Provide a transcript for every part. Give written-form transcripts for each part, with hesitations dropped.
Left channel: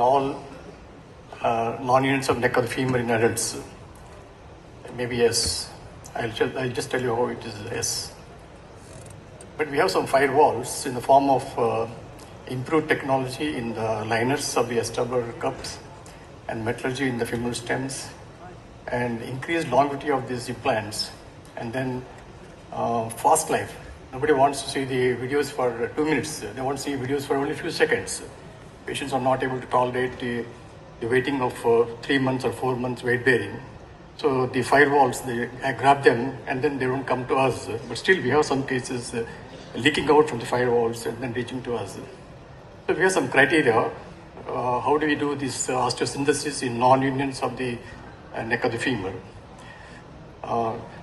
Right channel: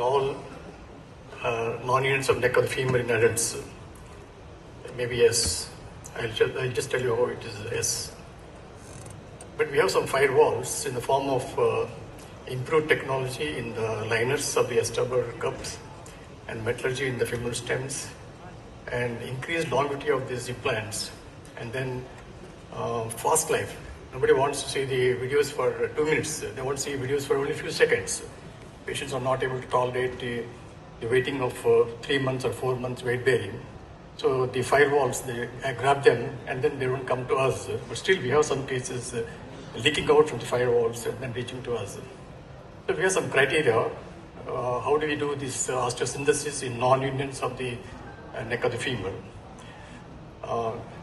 all non-unions of neck of the femur in adults? Maybe yes. I'll just tell you how it is yes. But we have some firewalls in the form of improved technology in the liners of the acetabular cups and metallurgy in the femoral stems and increased longevity of these implants, and then fast life. Nobody wants to see the videos for 2 minutes. They want to see videos for only a few seconds. Patients are not able to tolerate the waiting of 3 months or 4 months weight bearing. So the firewalls, I grab them and then they don't come to us. But still we have some cases leaking out from the firewalls and then reaching to us. So we have some criteria. How do we do this osteosynthesis in non-unions of the neck of the femur?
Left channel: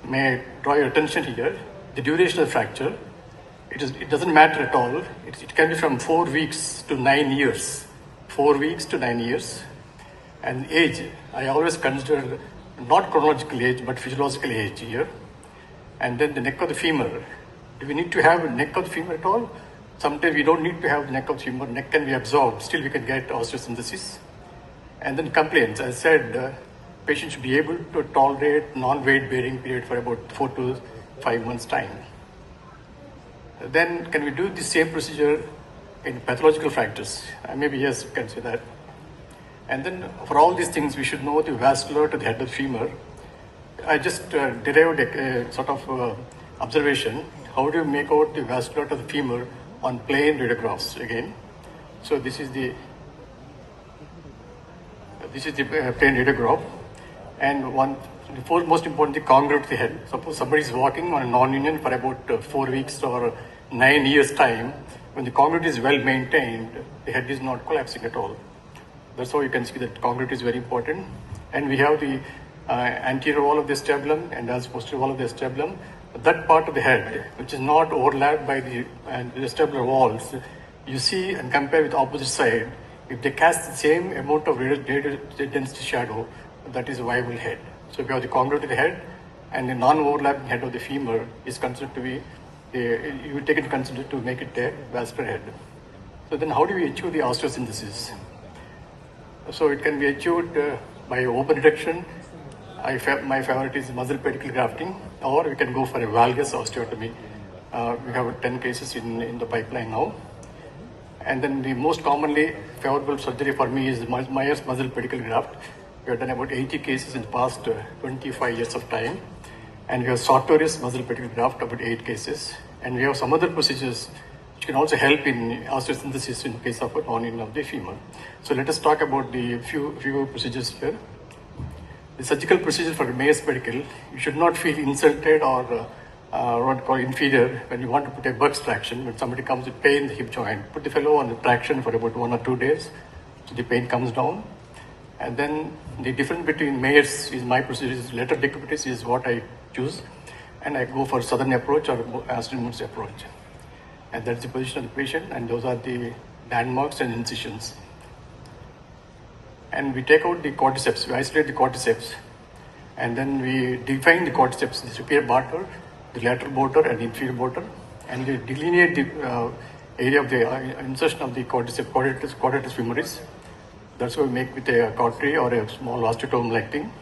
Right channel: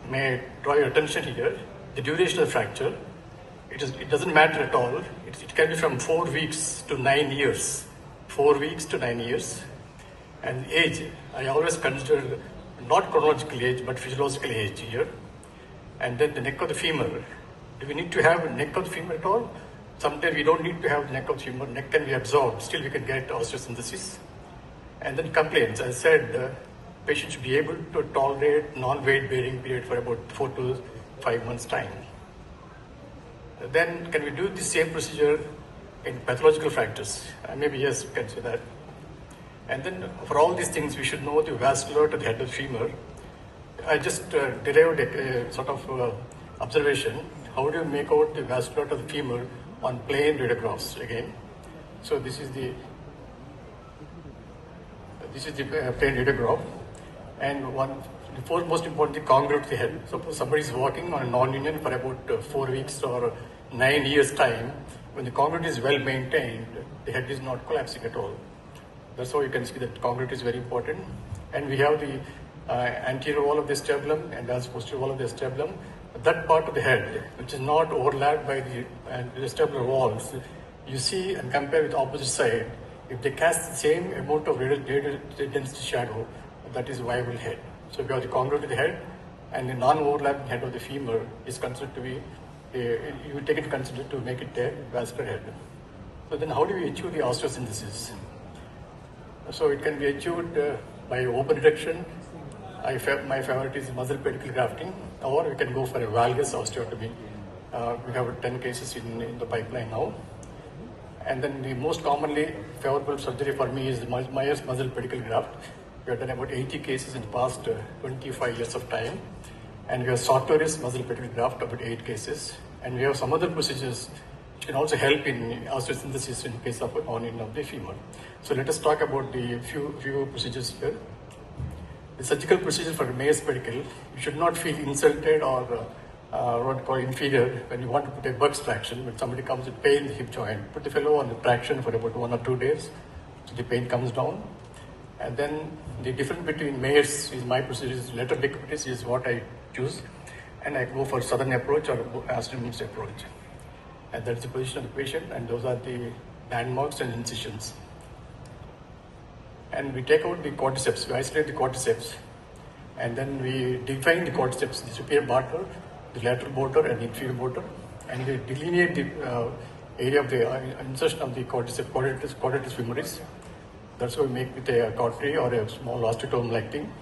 May I draw your attention here? The duration of fracture, it doesn't matter at all. It can be from 4 weeks to 9 years. 4 weeks to 9 years. And age, I always consider not chronological age, but physiological age here. And then the neck of the femur. Do we need to have a neck of the femur at all? Sometimes we don't need to have the neck of the femur. Neck can be absorbed. Still we can get osteosynthesis. And then complaints. As I said, patients should be able to tolerate non-weight bearing period for about 4 to 5 months time. Then can we do the same procedure in pathological fractures? Maybe yes, you can say that. And then for all these things, we should know the vascular to the head of the femur. I just derived a sort of observation. How do you make out the vascular to the femur on plain radiographs again? So this is the plain radiograph. And the most important, the congruent to the head. Suppose somebody is walking on a non-union for about 4 weeks or 9 years time. When the congruent is well maintained, the head is not collapsing at all. That's how you can see that congruent is very important. And we have the anterior wall of the acetabulum and as posterior wall of the acetabulum. That part of the head, which is not overlapped by the acetabular walls, you see and compare with the opposite side. If they cast the same amount of radial density shadow, that is a viable head. So we have the congruent to the head, and the non-overlapping head of the femur is considered to be, you take it considered to make it a vascular head. So then how do we achieve the osteosynthesis? So it can be achieved by open reduction. My favorite is muscle pedicle grafting, or we can go for a valgus osteotomy. We have 10 cases in the pipeline now. And then the most commonly favorable surgery for me is the Myers muscle pedicle graft. We have done about 80 cases in the past 25 years of time. And we have Sartorius muscle pedicle graft, about 8 cases. And we have some other procedures which can also help in osteosynthesis in the case of a non-union of the femur. So let us talk about the few procedures here. The surgical procedure for the Myers pedicle, you should not feel insulted or what called inferior when you want to put a Buck's traction. When somebody comes with pain in the hip joint, put the fellow on the traction for about 1 or 2 days, so the pain comes down. And then the difference between Myers is my procedure is lateral decubitus is what I choose, and I go for southern approach or azimuth approach. And that's the position of the patient, and those are the landmarks and incisions. And we take out the cordyceps, we isolate the cordyceps, and then we define the cordyceps, the superior border, the lateral border, and the inferior border, and we delineate the area of the insertion of the quadratus femoris. That's what we make with a cautery or a small osteotome-like thing,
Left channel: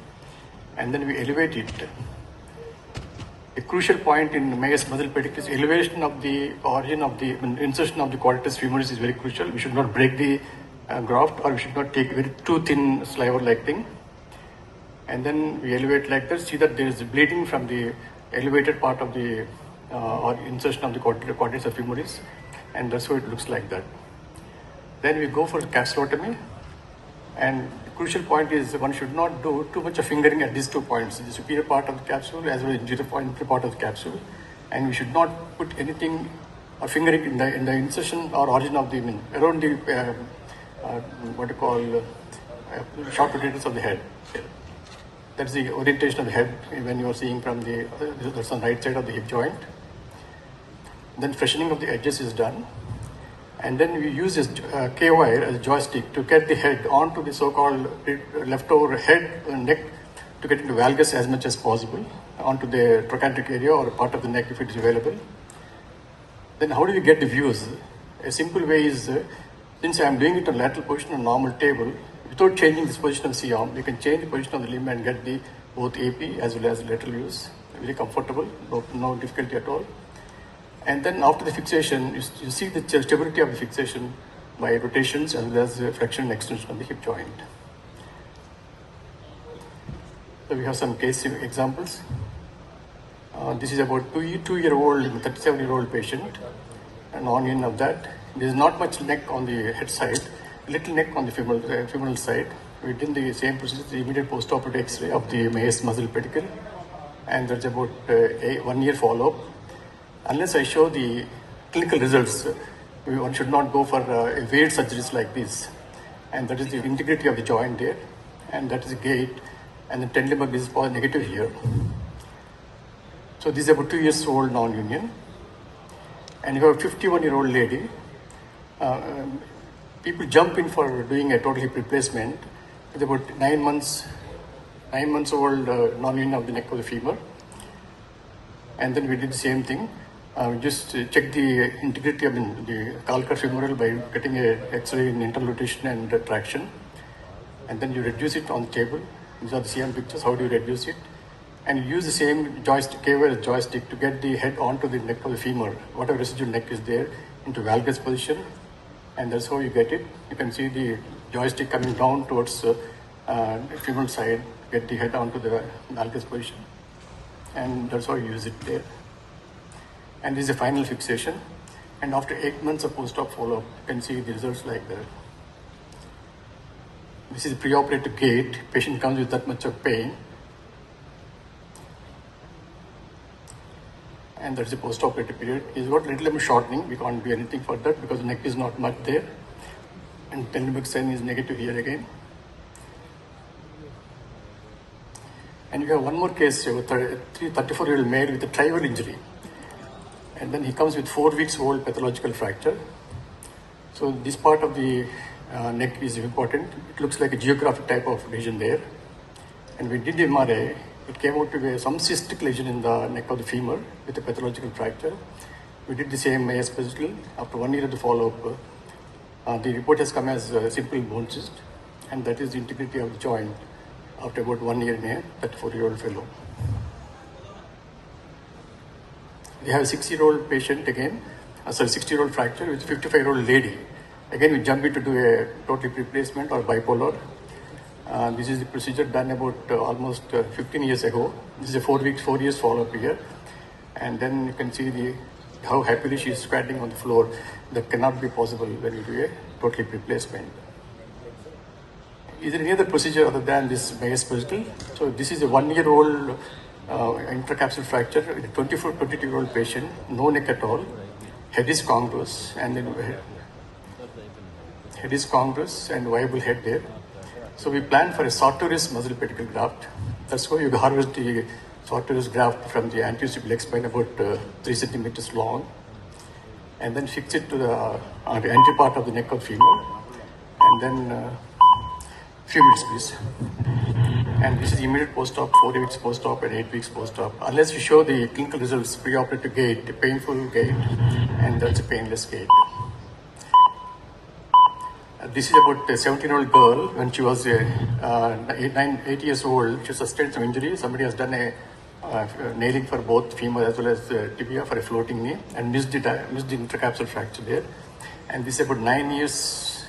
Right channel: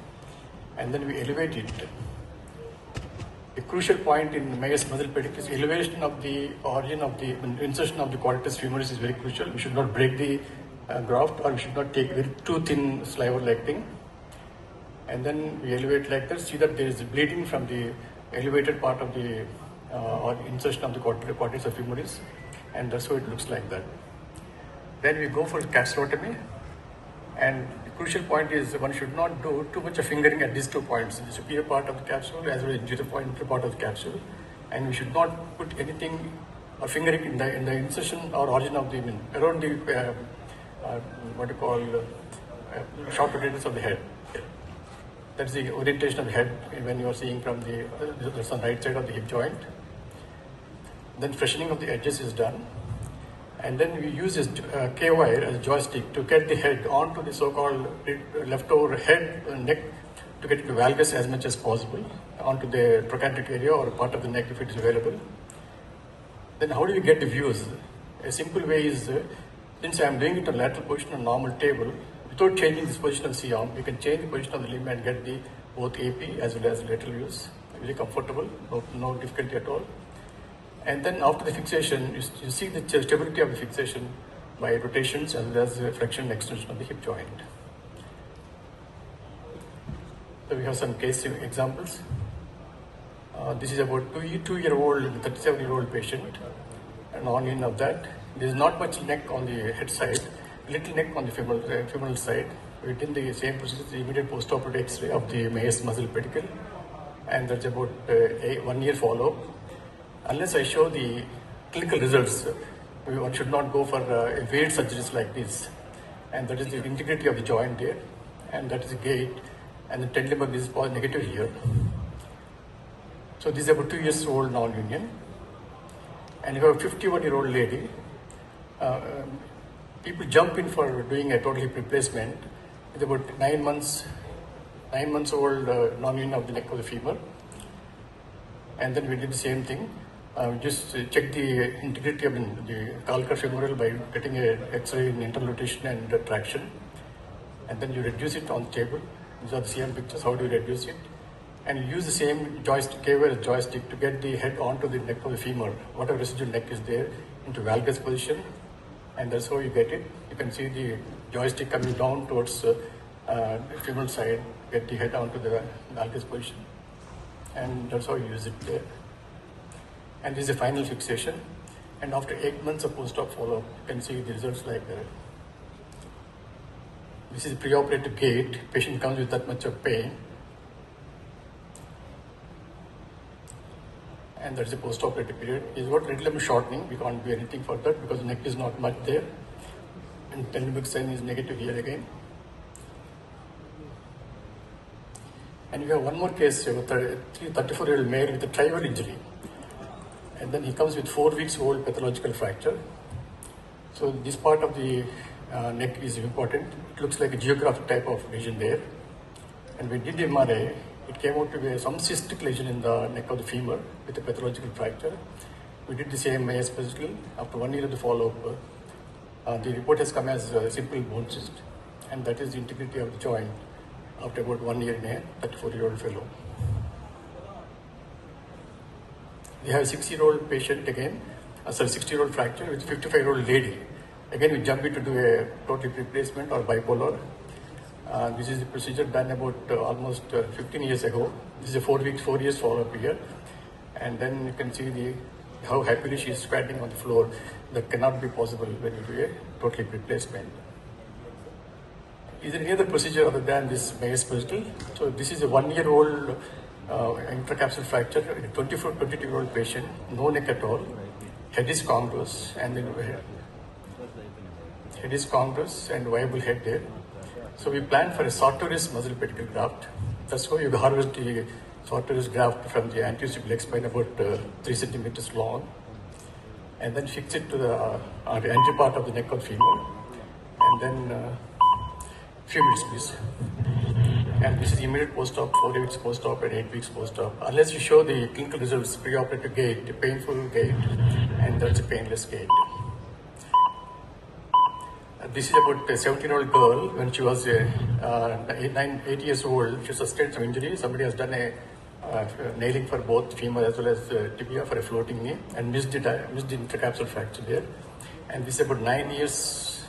and then we elevate it. The crucial point in Myers muscle pedicle is elevation of the origin of the insertion of the quadratus femoris is very crucial. We should not break the graft, or we should not take very too thin sliver-like thing. And then we elevate like that, see that there is bleeding from the elevated part of the or insertion of the quadratus femoris, and that's how it looks like that. Then we go for capsulotomy, and the crucial point is one should not do too much of fingering at these 2 points, the superior part of the capsule as well as the inferior part of the capsule, and we should not put anything or fingering in the insertion or origin of the around the what you call sharp rotators of the head. That's the orientation of the head when you are seeing from that's on the right side of the hip joint. Then freshening of the edges is done. And then we use this K-wire as a joystick to get the head onto the so-called leftover head and neck to get into valgus as much as possible onto the trochanteric area or part of the neck if it is available. Then how do we get the views? A simple way is Since I am doing it on lateral position on normal table, without changing this position of C arm, you can change the position of the limb and get the both AP as well as lateral views. Very comfortable, no difficulty at all. And then after the fixation, you see the stability of the fixation by rotations as well as flexion and extension of the hip joint. So we have some case examples. This is about two-year-old, 37-year-old patient, and on of that. There is not much neck on the head side, little neck on the femoral side. We did the same procedure, the immediate post-operative X-ray of the Mayer's muscle pedicle, and there's about 1 year follow-up. Unless I show the clinical results, one should not go for weird surgeries like this. And that is the integrity of the joint there, and that is the gait, and the tendon is negative here. So this is about 2 years old non-union. And you have a 51-year-old lady. People jump in for doing a total hip replacement with about 9 months old non-union of the neck of the femur. And then we did the same thing. Just check the integrity of the calcar femoral by getting a X-ray in internal rotation and traction. And then you reduce it on the table. These are the CM pictures. How do you reduce it? And you use the same joystick, K-wire joystick, to get the head onto the neck of the femur. Whatever residual neck is there, into valgus position. And that's how you get it. You can see the joystick coming down towards the femoral side, get the head onto the valgus position. And that's how you use it there. And this is a final fixation. And after 8 months of post-op follow-up, you can see the results like that. This is the preoperative gait. Patient comes with that much of pain. And that's the post-operative period. He's got little limb shortening. We can't do anything for that because the neck is not much there. And tendon sign is negative here again. And we have one more case with a 34-year-old male with a trival injury. And then he comes with 4 weeks old pathological fracture. So this part of the neck is important. It looks like a geographic type of lesion there. And we did the MRI. It came out to be some cystic lesion in the neck of the femur with a pathological fracture. We did the same AS physical. After 1 year of the follow-up, the report has come as a simple bone cyst, and that is the integrity of the joint after about 1 year in a 34-year-old fellow. We have a 60-year-old patient again, 60-year-old fracture with a 55-year-old lady. Again, we jump in to do a total hip replacement or bipolar. This is the procedure done about almost 15 years ago. This is a 4 years follow-up here. And then you can see how happily she is squatting on the floor. That cannot be possible when you do a total hip replacement. Is there any other procedure other than this Mayer's physical? So this is a 1-year-old intracapsular fracture in a 22-year-old patient, no neck at all. Head is congruous, and then head is congruous and viable head there. So we planned for a sartorius muscle pedicle graft. That's why you harvest the sartorius graft from the anterior leg spine about 3 centimeters long, and then fix it to the anterior part of the neck of femur, and then few minutes please. And this is immediate post-op, 4 weeks post-op and 8 weeks post-op. Unless you show the clinical results, preoperative gait, the painful gait, and that's a painless gait. This is about a 17-year-old girl. When she was 8 years old, she sustained some injury. Somebody has done a nailing for both femur as well as tibia for a floating knee and missed the intracapsular fracture there. And this is about 9 years.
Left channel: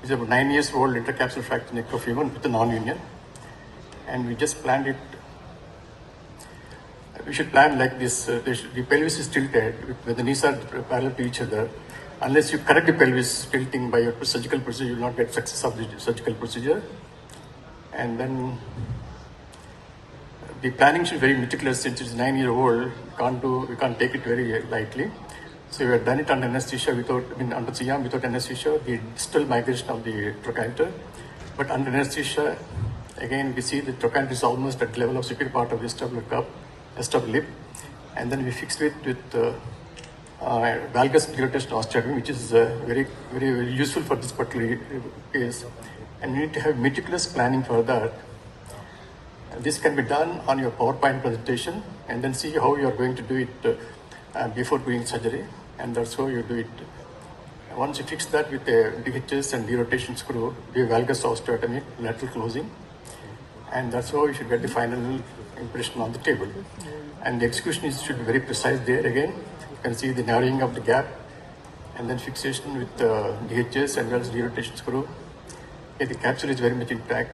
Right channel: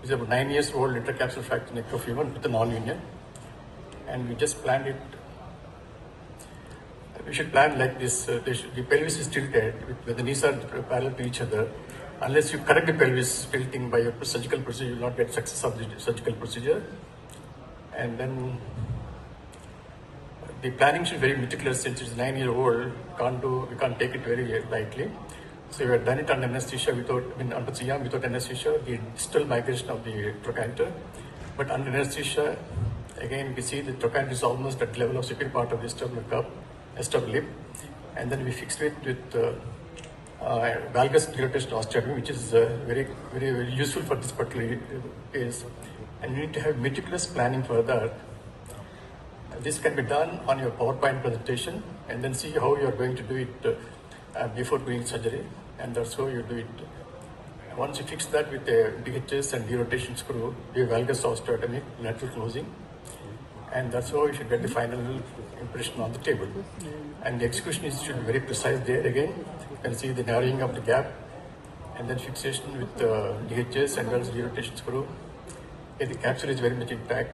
This is about 9 years old intracapsular fracture neck of femur with a non-union. And we just planned it. We should plan like this. The pelvis is tilted when the knees are parallel to each other. Unless you correct the pelvis tilting by your surgical procedure, you will not get success of the surgical procedure. And then the planning should be very meticulous since it's 9-year-old. We can't take it very lightly. So we have done it under anesthesia under CM without anesthesia, the distal migration of the trochanter. But under anesthesia, again we see the trochanter is almost at the level of superior part of the vestibular cup. Lip, and then we fixed it with valgus dilatation osteotomy, which is very useful for this particular case. And you need to have meticulous planning for that. This can be done on your PowerPoint presentation, and then see how you are going to do it before doing surgery. and that's how you do it. Once you fix that with a DHS and derotation screw, you valgus osteotomy, lateral closing, and that's how you should get the final impression on the table. And the execution should be very precise there again. You can see the narrowing of the gap, and then fixation with DHS and derotation screw. Okay, the capsule is very much intact.